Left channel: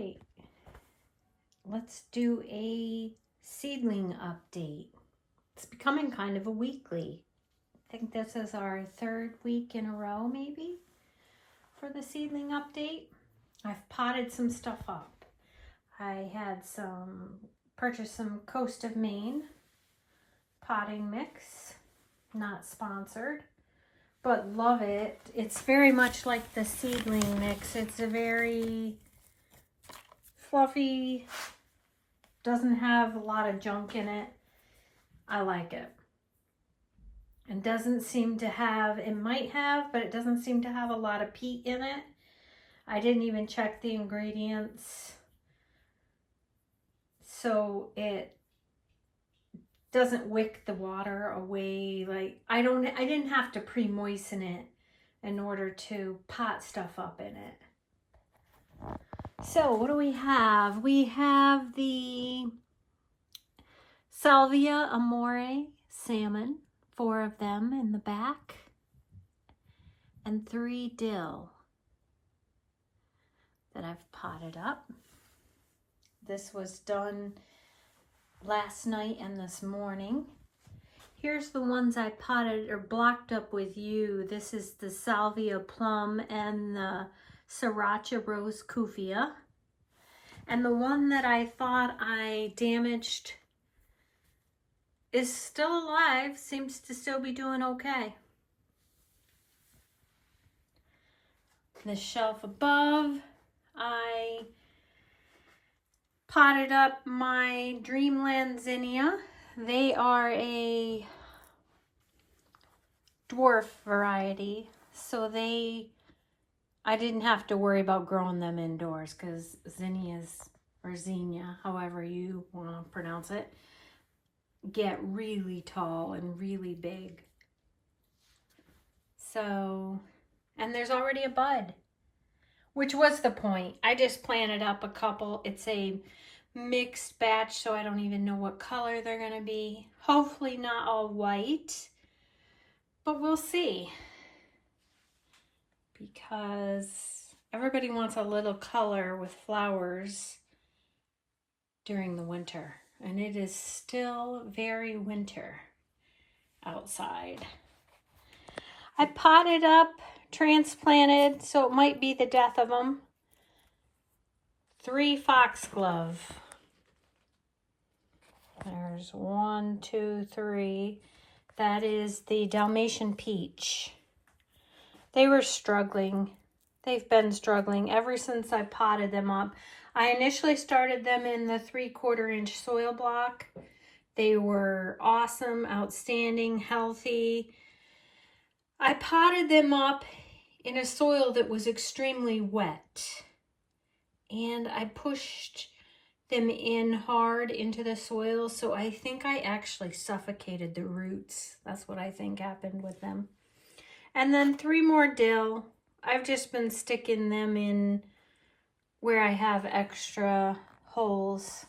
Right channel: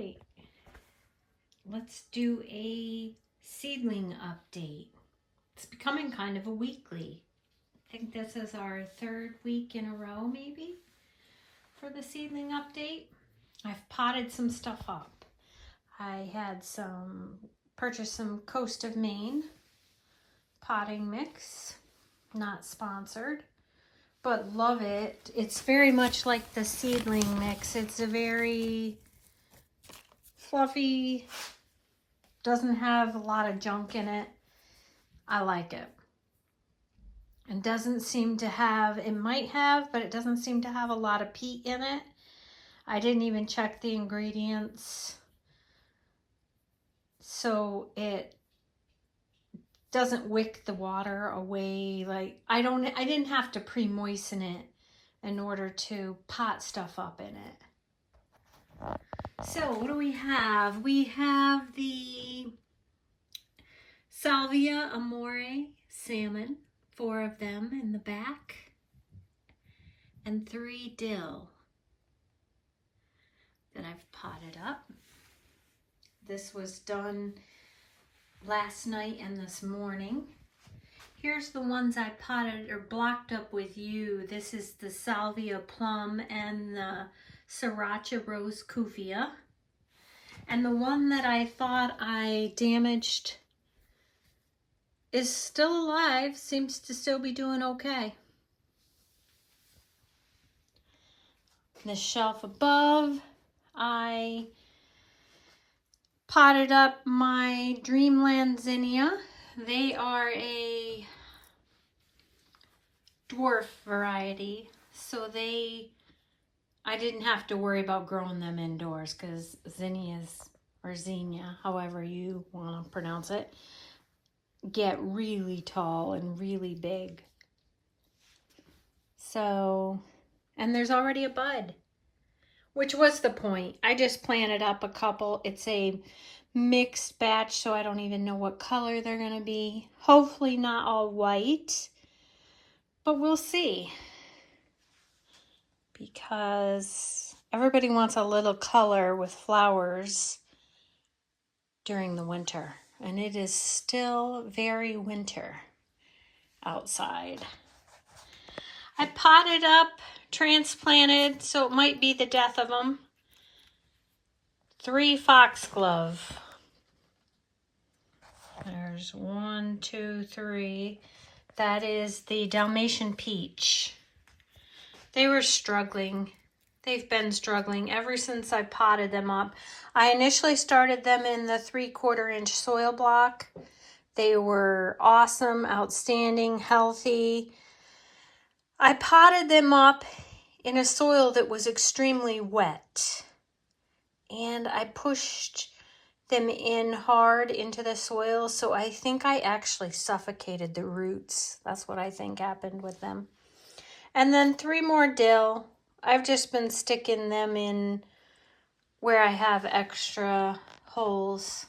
right, let's do a seedling update. It's becoming kind of a weekly. I think this is our third week in a row, maybe, for the seedling update. I've potted some stuff up. I had purchased some Coast of Maine potting mix, not sponsored, but love it. It's very much like the seedling mix. It's a very fluffy, doesn't have a lot of junk in it. I like it. And doesn't seem to have, it might have, but it doesn't seem to have a lot of peat in it. I didn't even check the ingredients. So it doesn't wick the water away. Like I didn't have to pre-moisten it in order to pot stuff up in it. So what do we have? We have the Salvia Amore salmon, 4 of them in the back, and 3 dill that I've potted up. This was done last night and this morning. Here's the ones I potted or blocked up with you. This is the Salvia plum and the Sriracha rose kufia. And the one that I thought I damaged is still alive, seems to still be doing okay. The shelf above, I potted up my Dreamland Zinnia. They are a dwarf variety, so I didn't have to worry about growing them indoors because zinnias, or zinnia, however you want to pronounce it, get really tall and really big. So, and there's already a bud, which was the point. I just planted up a couple. It's a mixed batch, so I don't even know what color they're going to be. Hopefully not all white, but we'll see. Because everybody wants a little color with flowers during the winter. And it is still very winter outside. I potted up, transplanted, so it might be the death of them, 3 Foxglove. There's 1, 2, 3. That is the Dalmatian peach. They were struggling. They've been struggling ever since I potted them up. I initially started them in the 3/4 inch soil block. They were awesome, outstanding, healthy. I potted them up in a soil that was extremely wet. And I pushed them in hard into the soil, so I think I actually suffocated the roots. That's what I think happened with them. And then 3 more dill. I've just been sticking them in where I have extra holes.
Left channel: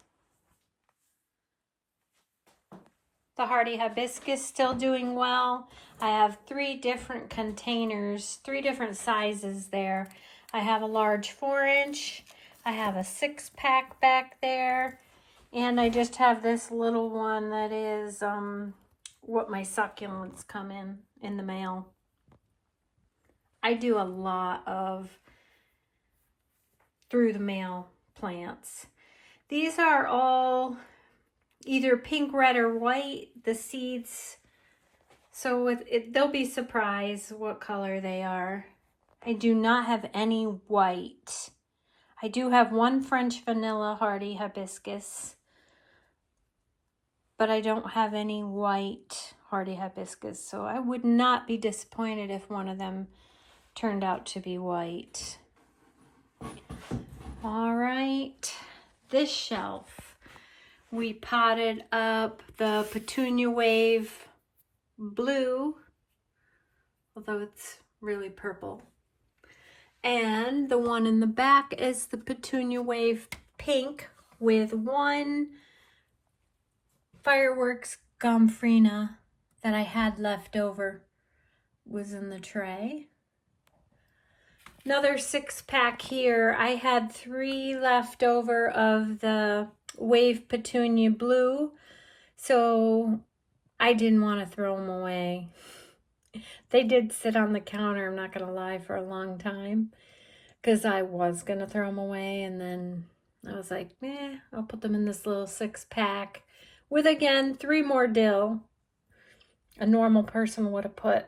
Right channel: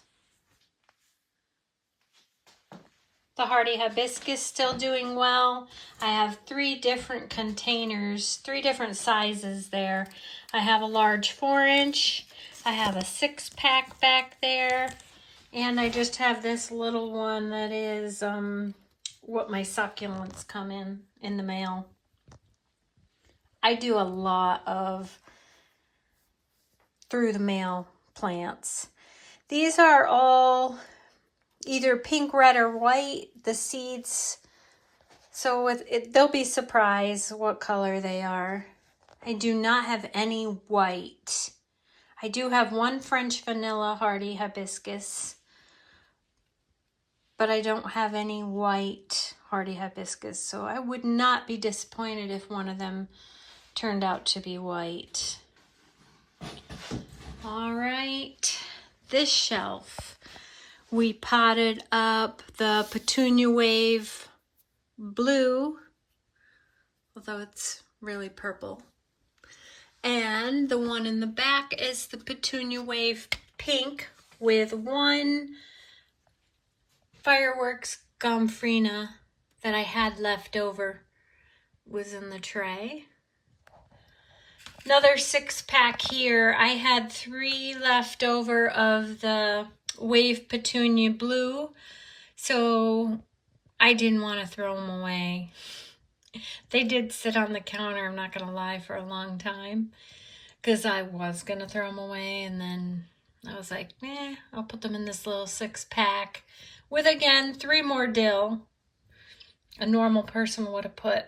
The hardy hibiscus still doing well. I have 3 different containers, 3 different sizes there. I have a large 4-inch. I have a 6-pack back there. And I just have this little one that is what my succulents come in the mail. I do a lot of through the mail plants. These are all either pink, red, or white, the seeds. So they'll be surprised what color they are. I do not have any white. I do have 1 French vanilla hardy hibiscus, but I don't have any white hardy hibiscus. So I would not be disappointed if one of them turned out to be white. All right, this shelf, we potted up the Petunia Wave blue, although it's really purple. And the one in the back is the Petunia Wave pink with 1 Fireworks Gomphrena that I had left over was in the tray. Another 6-pack here. I had 3 left over of the Wave Petunia Blue, so I didn't want to throw them away. They did sit on the counter, I'm not going to lie, for a long time, because I was going to throw them away, and then I was like, I'll put them in this little 6-pack with, again, 3 more dill. A normal person would have put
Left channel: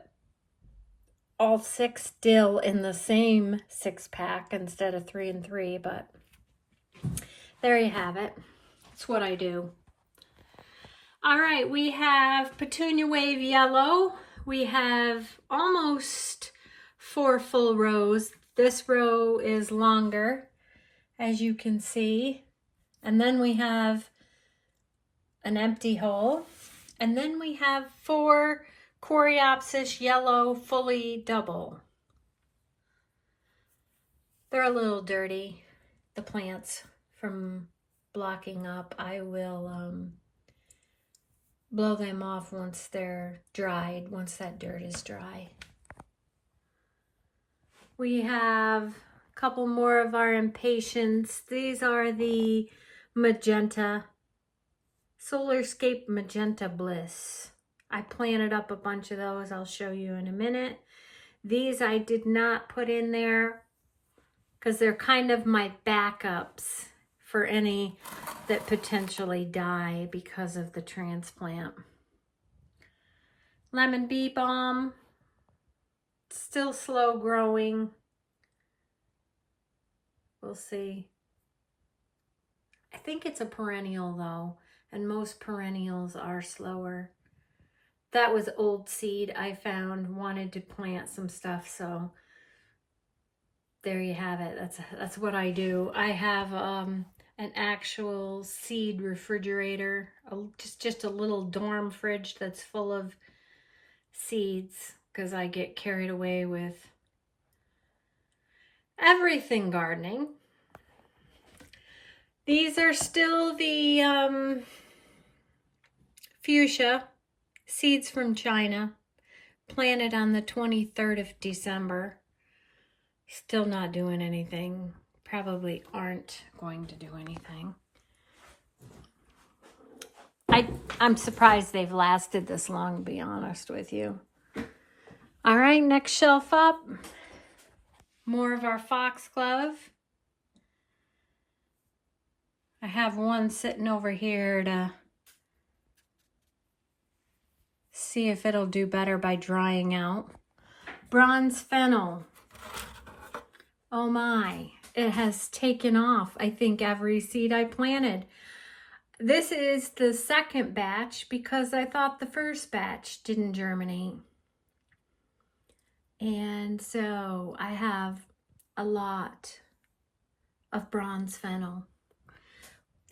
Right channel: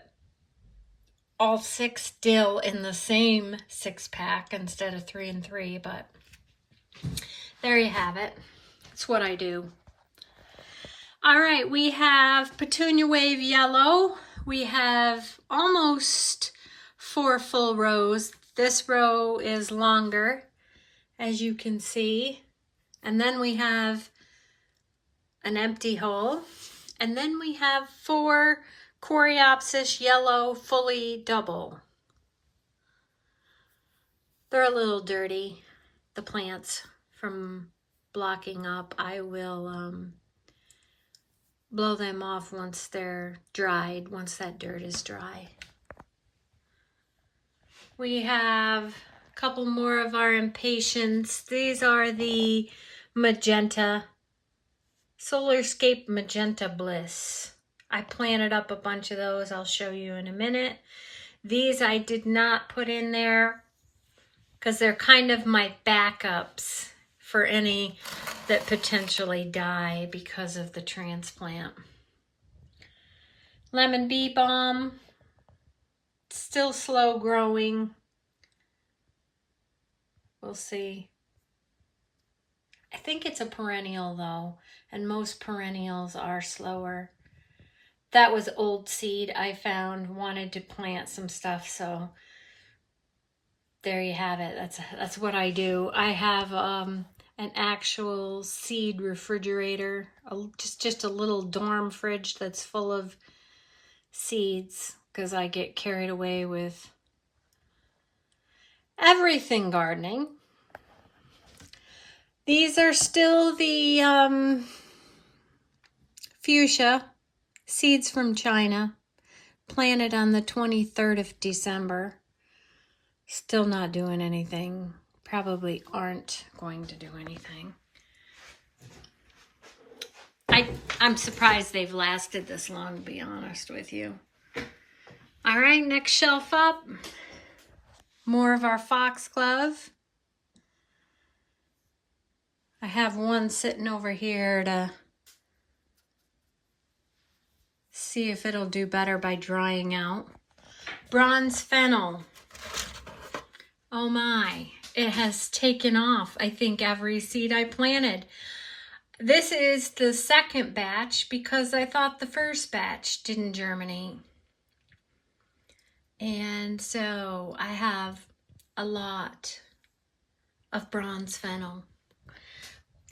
all 6 dill in the same 6-pack instead of 3 and 3, but there you have it. That's what I do. All right, we have Petunia Wave Yellow. We have almost 4 full rows. This row is longer, as you can see. And then we have an empty hole. And then we have 4 Coreopsis Yellow fully double. They're a little dirty, the plants, from blocking up. I will blow them off once they're dried, once that dirt is dry. We have a couple more of our Impatiens. These are the Magenta, Solarscape Magenta Bliss. I planted up a bunch of those. I'll show you in a minute. These I did not put in there because they're kind of my backups for any that potentially die because of the transplant. Lemon Bee Balm, still slow growing. We'll see. I think it's a perennial though, and most perennials are slower. That was old seed I found, wanted to plant some stuff, so there you have it. That's what I do. I have an actual seed refrigerator, just a little dorm fridge that's full of seeds because I get carried away with everything gardening. These are still the fuchsia seeds from China, planted on the 23rd of December. Still not doing anything. Probably aren't going to do anything. I'm surprised they've lasted this long, to be honest with you. All right, next shelf up. More of our Foxglove. I have one sitting over here to see if it'll do better by drying out. Bronze Fennel. Oh my, it has taken off, I think, every seed I planted. This is the second batch because I thought the first batch didn't germinate. And so I have a lot of Bronze Fennel.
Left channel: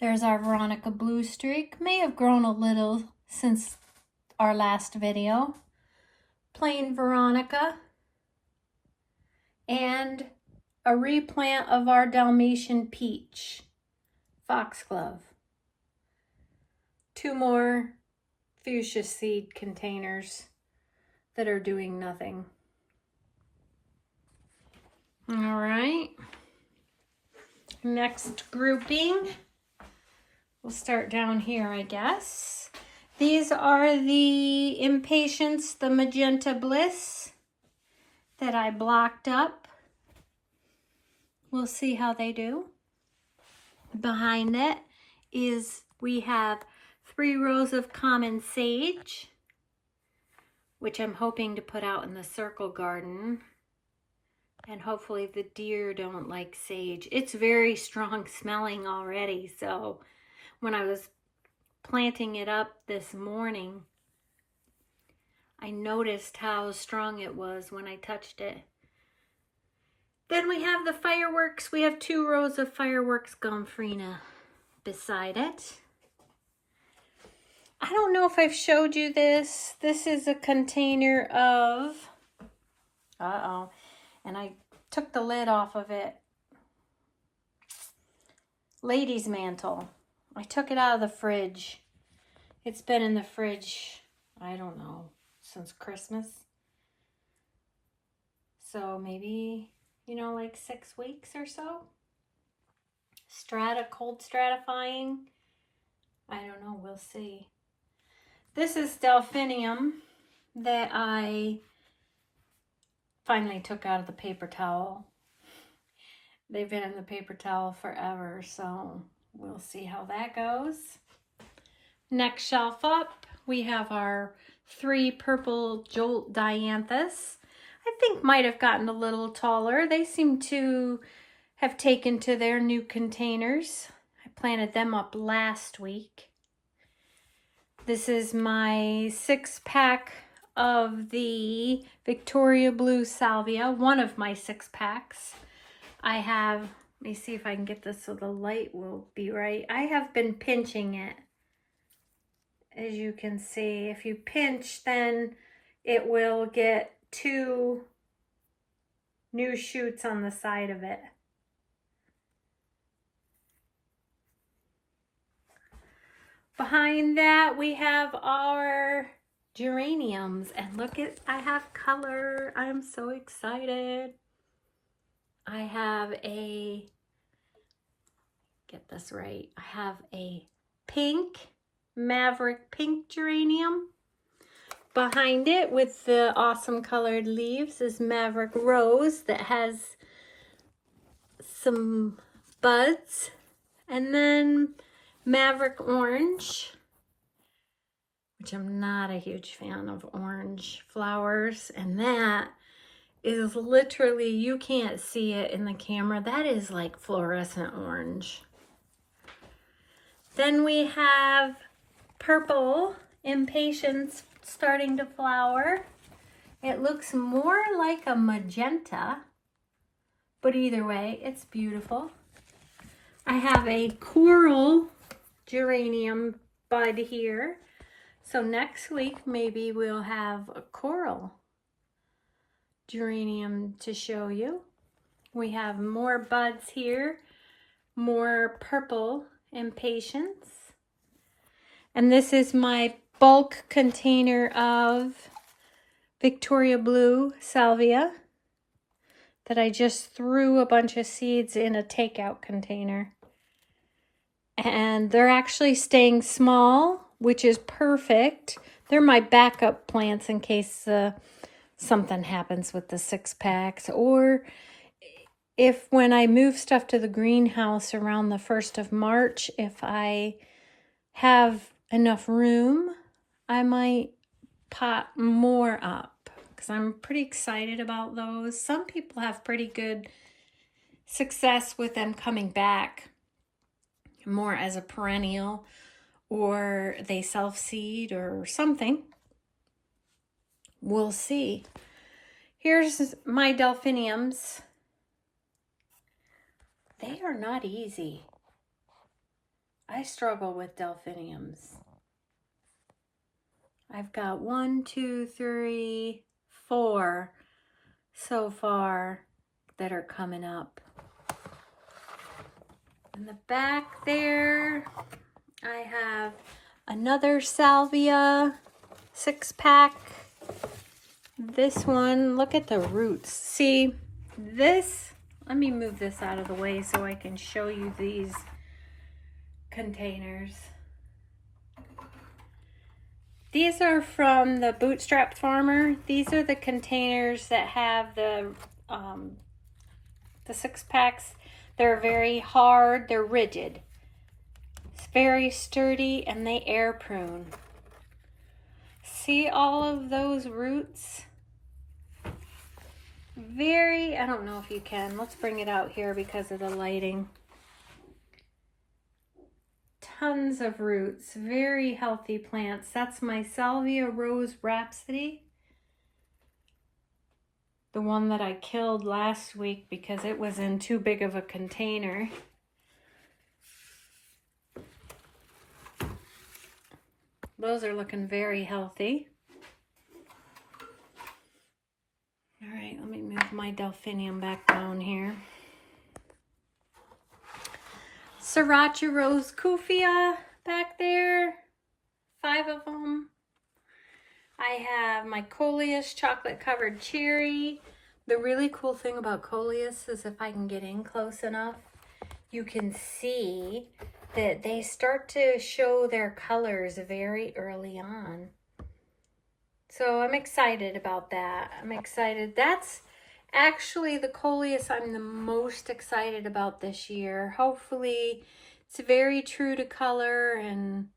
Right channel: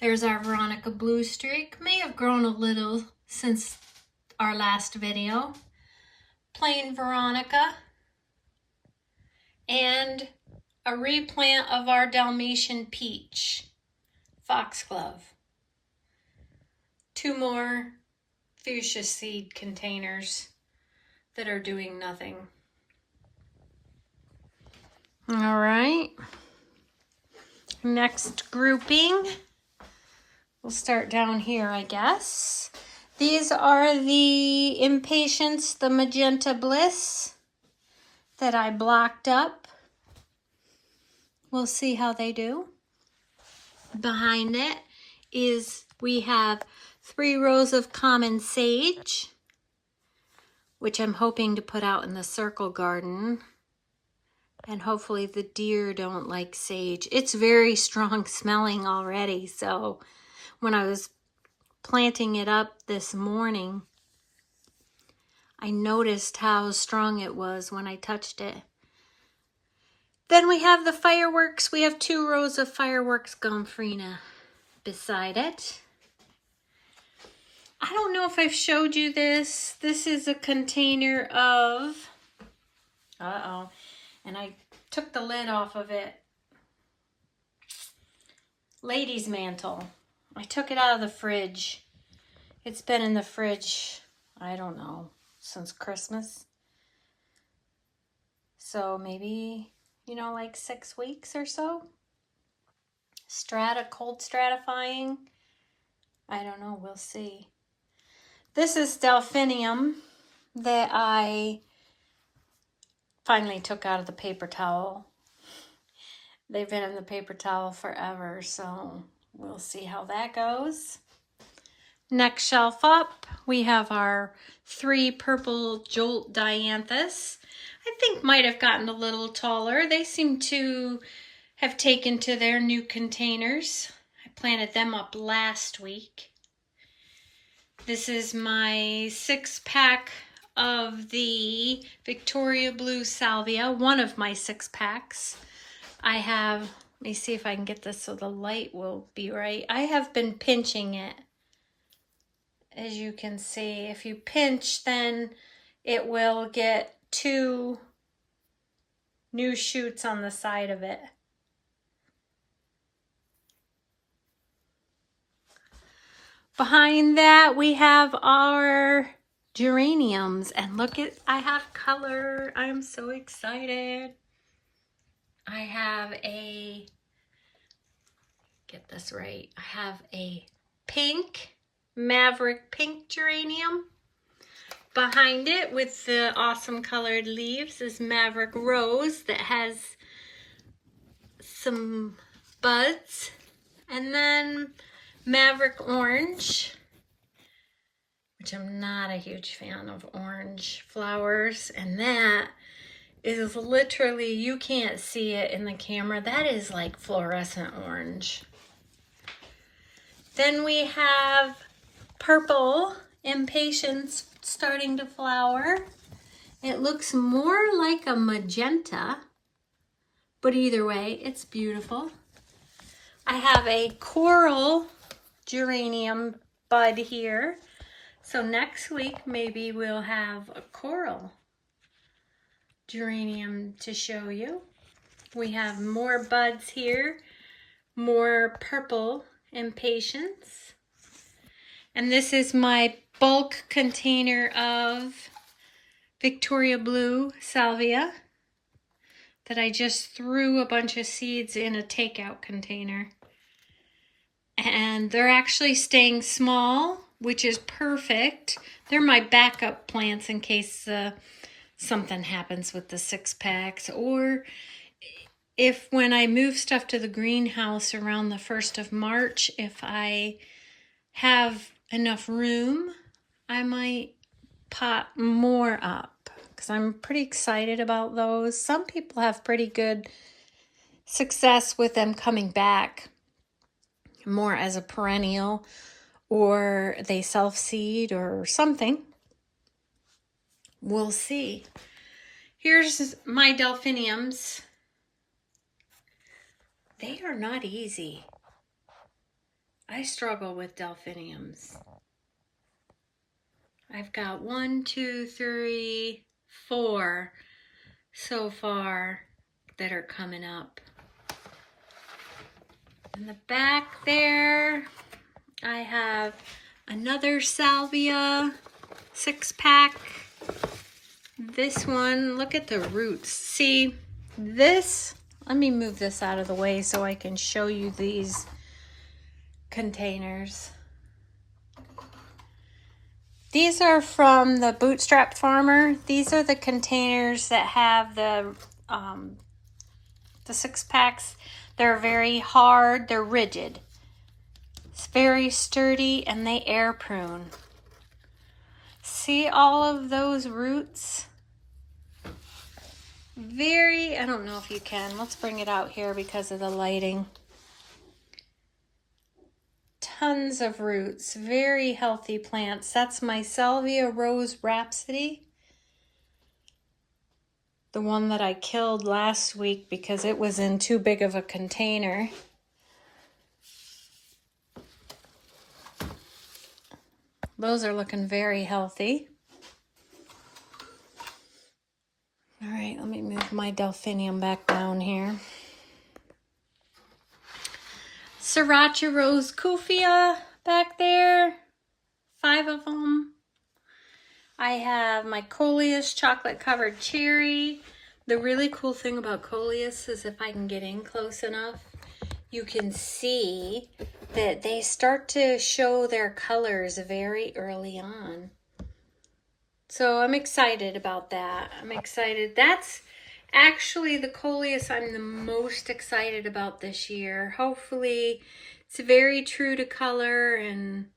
There's our Veronica Blue Streak. May have grown a little since our last video. Plain Veronica. And a replant of our Dalmatian Peach. Foxglove. 2 more fuchsia seed containers that are doing nothing. All right. Next grouping. We'll start down here, I guess. These are the Impatiens, the Magenta Bliss that I blocked up. We'll see how they do. Behind it is we have 3 rows of common sage, which I'm hoping to put out in the circle garden. And hopefully the deer don't like sage. It's very strong smelling already, so when I was planting it up this morning, I noticed how strong it was when I touched it. Then we have the fireworks. We have 2 rows of fireworks Gomphrena beside it. I don't know if I've showed you this. This is a container of, and I took the lid off of it. Lady's mantle. I took it out of the fridge. It's been in the fridge, I don't know, since Christmas. So maybe you know, like 6 weeks or so. Cold stratifying. I don't know, we'll see. This is Delphinium that I finally took out of the paper towel. They've been in the paper towel forever, so we'll see how that goes. Next shelf up, we have our 3 purple Jolt Dianthus. I think might have gotten a little taller. They seem to have taken to their new containers. I planted them up last week. This is my 6-pack of the Victoria Blue Salvia, one of my 6-packs. I have, let me see if I can get this so the light will be right. I have been pinching it. As you can see, if you pinch, then it will get 2 new shoots on the side of it. Behind that, we have our geraniums, and look at, I have color. I'm so excited. I have a, get this right, I have a pink, Maverick pink geranium. Behind it with the awesome colored leaves is Maverick Rose that has some buds. And then Maverick Orange, which I'm not a huge fan of orange flowers. And that is literally, you can't see it in the camera. That is like fluorescent orange. Then we have purple Impatiens starting to flower. It looks more like a magenta, but either way, it's beautiful. I have a coral geranium bud here. So next week, maybe we'll have a coral geranium to show you. We have more buds here, more purple Impatiens. And this is my bulk container of Victoria Blue Salvia that I just threw a bunch of seeds in a takeout container. And they're actually staying small, which is perfect. They're my backup plants in case something happens with the 6-packs, or if when I move stuff to the greenhouse around the 1st of March, if I have enough room, I might pot more up because I'm pretty excited about those. Some people have pretty good success with them coming back more as a perennial, or they self-seed or something. We'll see. Here's my Delphiniums. They are not easy. I struggle with Delphiniums. I've got 1, 2, 3, 4 so far that are coming up. In the back there, I have another Salvia 6-pack. This one, look at the roots. See, this, let me move this out of the way so I can show you these containers. These are from the Bootstrap Farmer. These are the containers that have the 6-packs. They're very hard, they're rigid. It's very sturdy, and they air prune. See all of those roots? I don't know if you can. Let's bring it out here because of the lighting. Tons of roots, very healthy plants. That's my Salvia Rose Rhapsody. The one that I killed last week because it was in too big of a container. Those are looking very healthy. All right, let me move my Delphinium back down here. Sriracha Rose Kufia back there, 5 of them. I have my Coleus chocolate covered cherry, The really cool thing about Coleus is if I can get in close enough, you can see that they start to show their colors very early on. So I'm excited about that. I'm excited. That's actually the Coleus I'm the most excited about this year. Hopefully it's very true to color and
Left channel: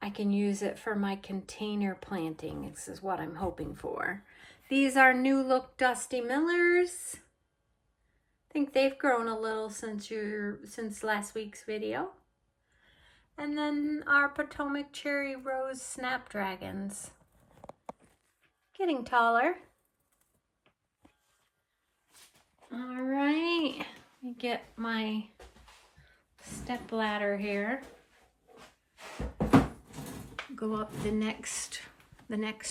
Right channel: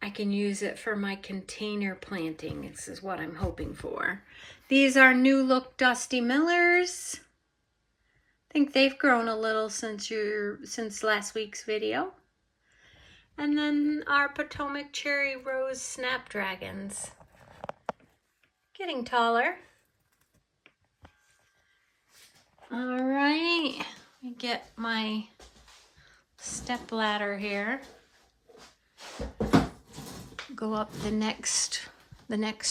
I can use it for my container planting. This is what I'm hoping for. These are New Look Dusty Millers. I think they've grown a little since last week's video. And then our Potomac Cherry Rose Snapdragons. Getting taller. All right, let me get my step ladder here. Go up the next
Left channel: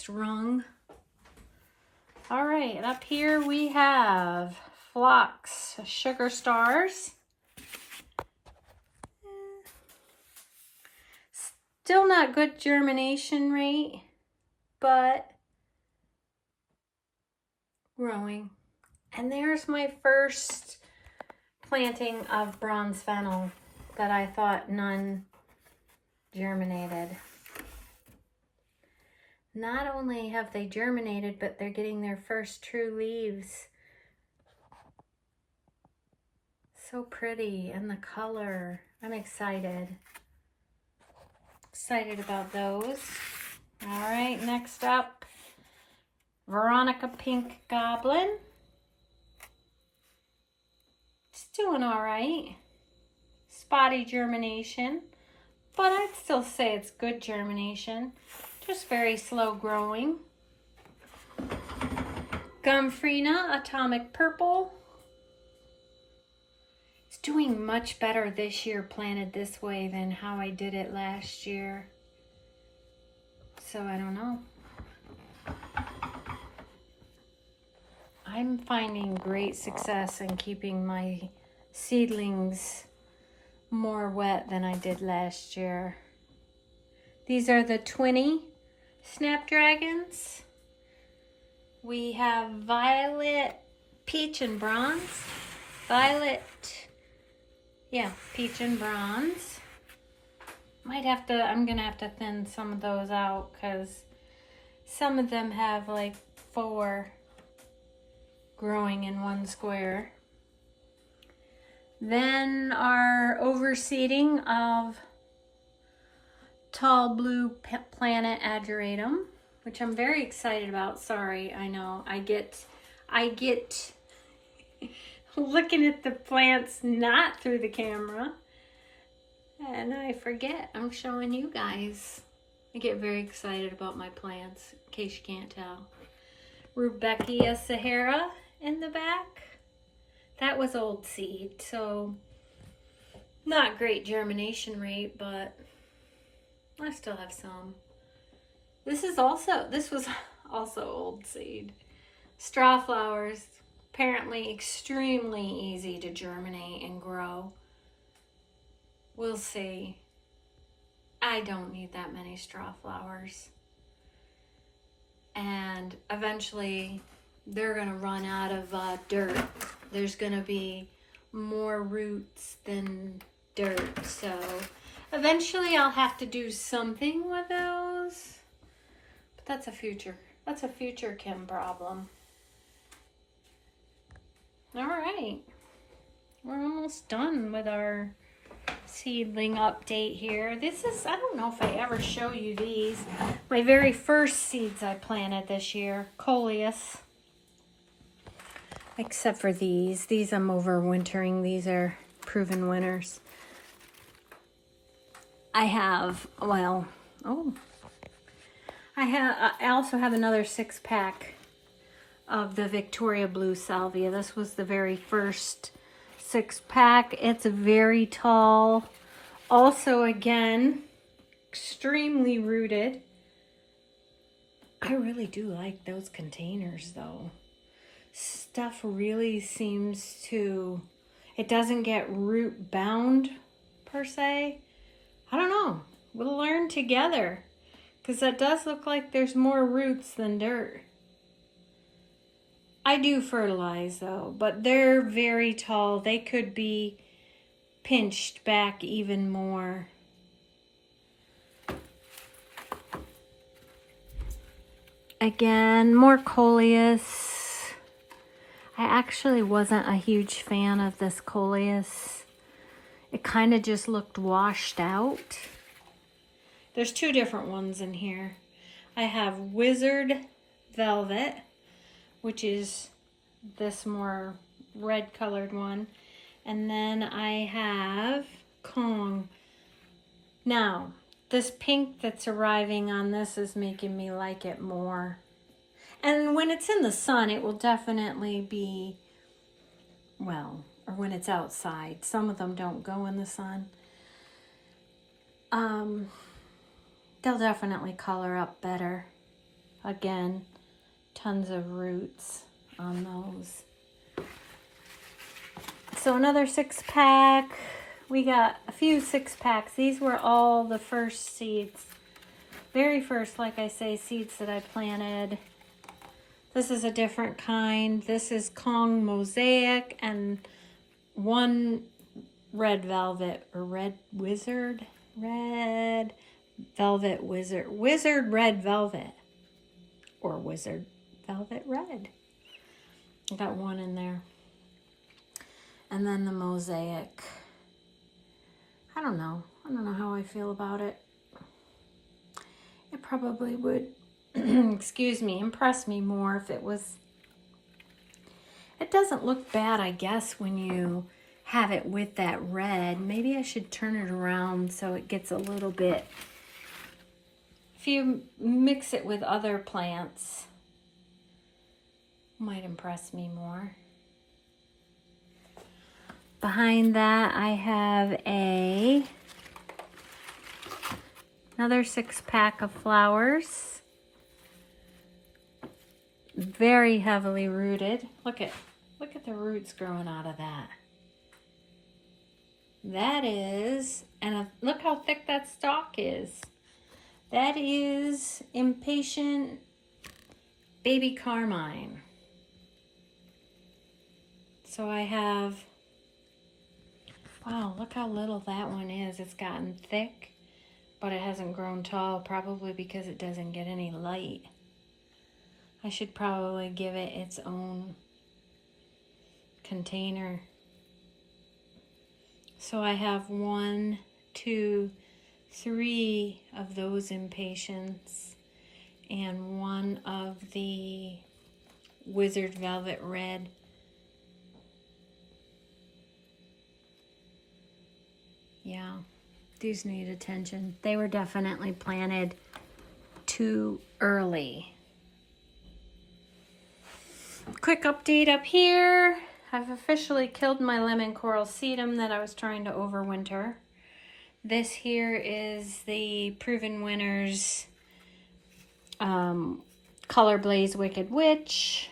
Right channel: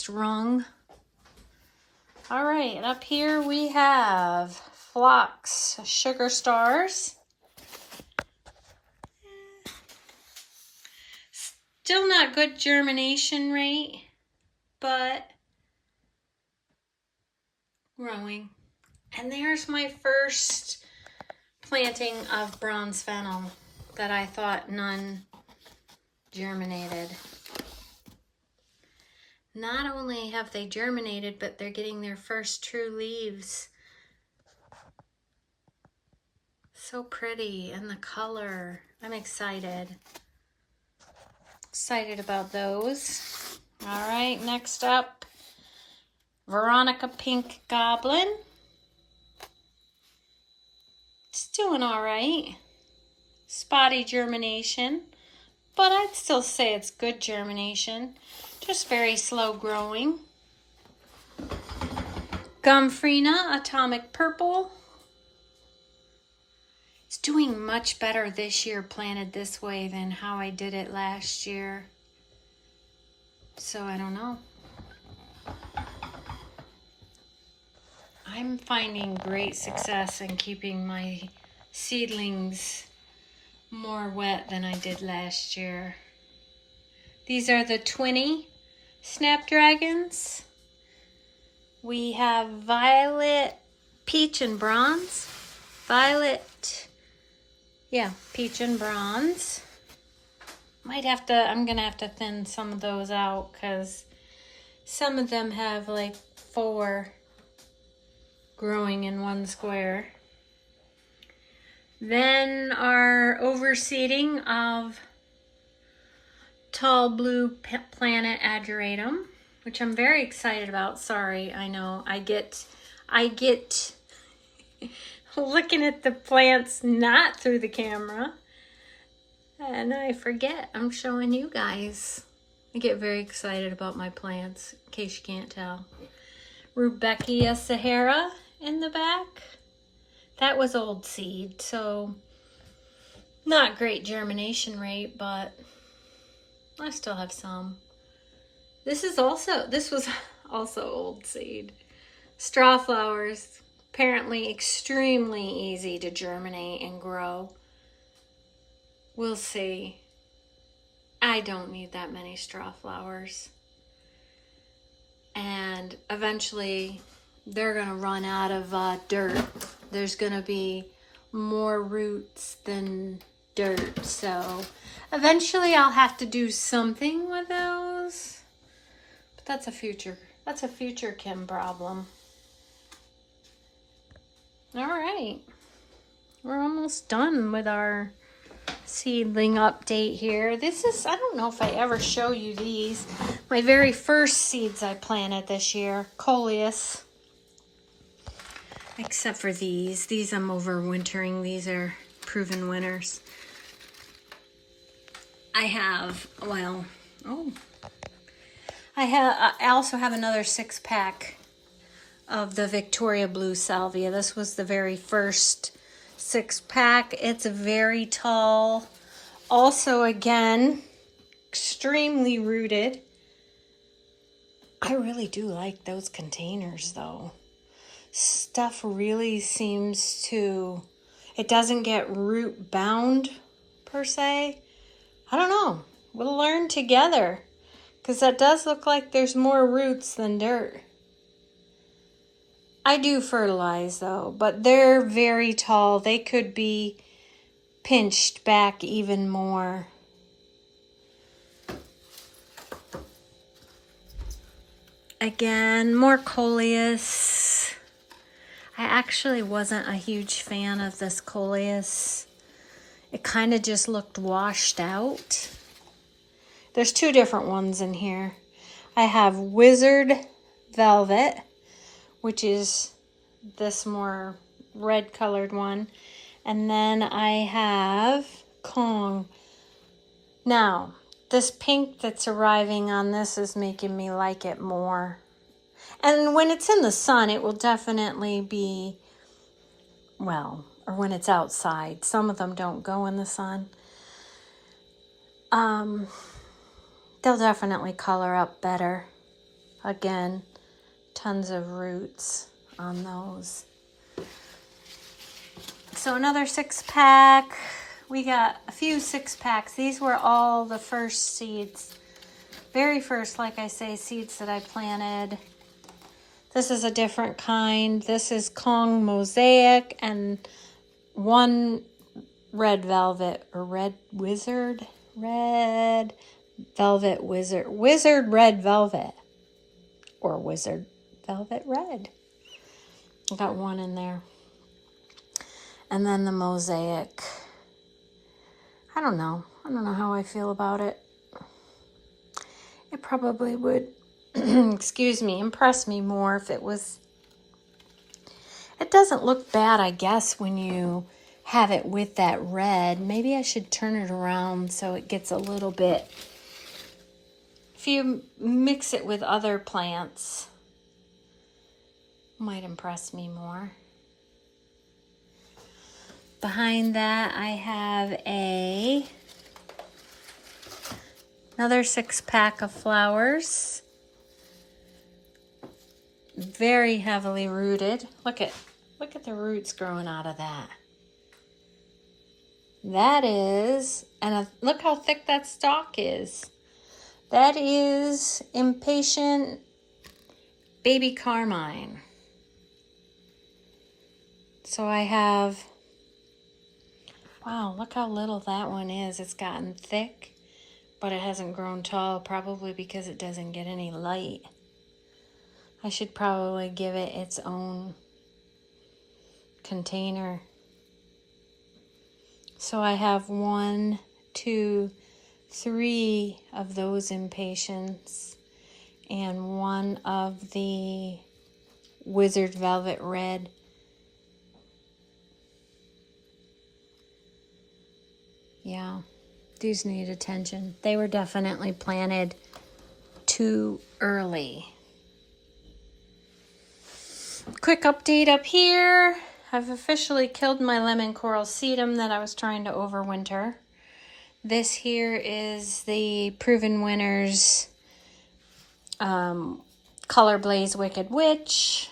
rung. All right, up here we have Phlox Sugar Stars. Still not good germination rate, but growing. And there's my first planting of Bronze Fennel that I thought none germinated. Not only have they germinated, but they're getting their first true leaves. So pretty, and the color. I'm excited. Excited about those. All right, next up, Veronica Pink Goblin. It's doing all right. Spotty germination, but I'd still say it's good germination. Just very slow growing. Gomphrena Atomic Purple. It's doing much better this year planted this way than how I did it last year. So I don't know. I'm finding great success in keeping my seedlings more wet than I did last year. These are the 20 Snapdragons. We have violet, peach, and bronze. Violet, yeah, peach and bronze. I'm gonna have to thin some of those out because some of them have like 4 growing in one square. Then our overseeding of Tall Blue Planet Ageratum, which I'm very excited about. Sorry, I know I get looking at the plants not through the camera and I forget I'm showing you guys. I get very excited about my plants, in case you can't tell. Rudbeckia Sahara in the back. That was old seed, so not great germination rate, but I still have some. This was also old seed. Straw flowers, apparently extremely easy to germinate and grow. We'll see. I don't need that many straw flowers. And eventually they're gonna run out of dirt. There's gonna be more roots than dirt, so eventually I'll have to do something with those. But that's a future Kim problem. All right, we're almost done with our seedling update here. This is, I don't know if I ever show you these. My very first seeds I planted this year, Coleus. Except for these. These I'm overwintering. These are proven winners. I also have another 6-pack of the Victoria Blue Salvia. This was the very first 6-pack. It's very tall. Also, again, extremely rooted. I really do like those containers, though. Stuff really seems to... It doesn't get root bound, per se. I don't know. We'll learn together. Because that does look like there's more roots than dirt. I do fertilize though, but they're very tall. They could be pinched back even more. Again, more Coleus. I actually wasn't a huge fan of this Coleus. It kind of just looked washed out. There's two different ones in here. I have Wizard Velvet, which is this more red colored one. And then I have Kong. Now, this pink that's arriving on this is making me like it more. And when it's in the sun, it will definitely be, well, or when it's outside. Some of them don't go in the sun. They'll definitely color up better. Again, tons of roots on those. So another 6-pack. We got a few 6-packs. These were all the first seeds. Very first, like I say, seeds that I planted. This is a different kind. This is Kong Mosaic and one red velvet or red wizard. Red velvet wizard. Wizard red velvet. Or wizard velvet red. I got one in there. And then the mosaic. I don't know. I don't know how I feel about it. It probably would, excuse me, impress me more if it was. It doesn't look bad, I guess, when you have it with that red. Maybe I should turn it around so it gets a little bit. If you mix it with other plants, it might impress me more. Behind that, I have another 6-pack of flowers. Very heavily rooted. Look at the roots growing out of that. That is, and look how thick that stalk is. That is Impatient Baby Carmine. So I have, wow, look how little that one is. It's gotten thick, but it hasn't grown tall, probably because it doesn't get any light. I should probably give it its own container. So I have 1, 2, 3 of those Impatiens and one of the Wizard Velvet Red. Yeah, these need attention. They were definitely planted too early. Quick update up here. I've officially killed my lemon coral sedum that I was trying to overwinter. This here is the Proven Winners Color Blaze Wicked Witch.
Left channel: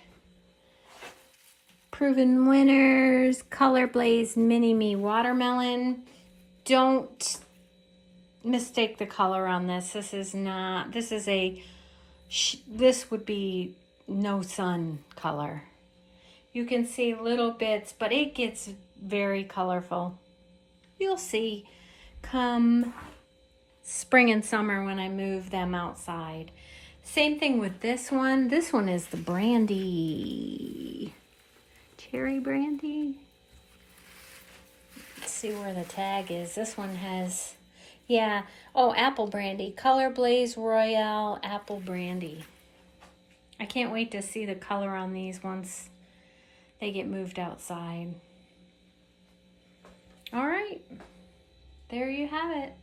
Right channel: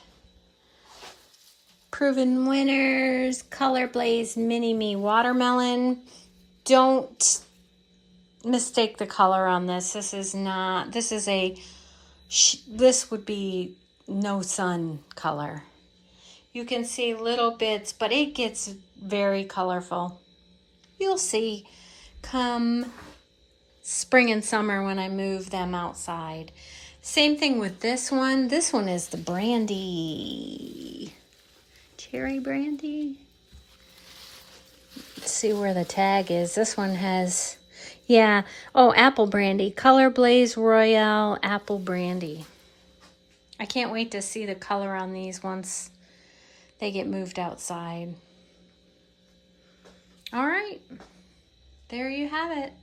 Proven Winners Color Blaze Mini Me Watermelon. Don't mistake the color on this. This would be no sun color. You can see little bits, but it gets very colorful. You'll see come spring and summer when I move them outside. Same thing with this one. This one is the brandy. Cherry brandy. Let's see where the tag is. This one has, yeah. Oh, apple brandy. Color Blaze Royale Apple Brandy. I can't wait to see the color on these once they get moved outside. All right. There you have it.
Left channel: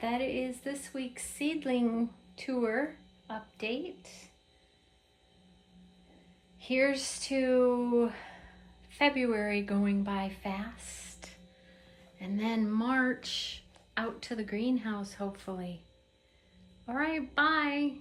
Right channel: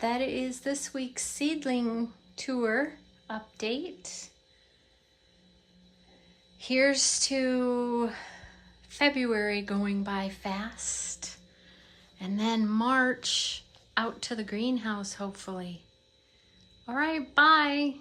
That is this week's seedling tour update. Here's to February going by fast. And then March out to the greenhouse, hopefully. All right, bye.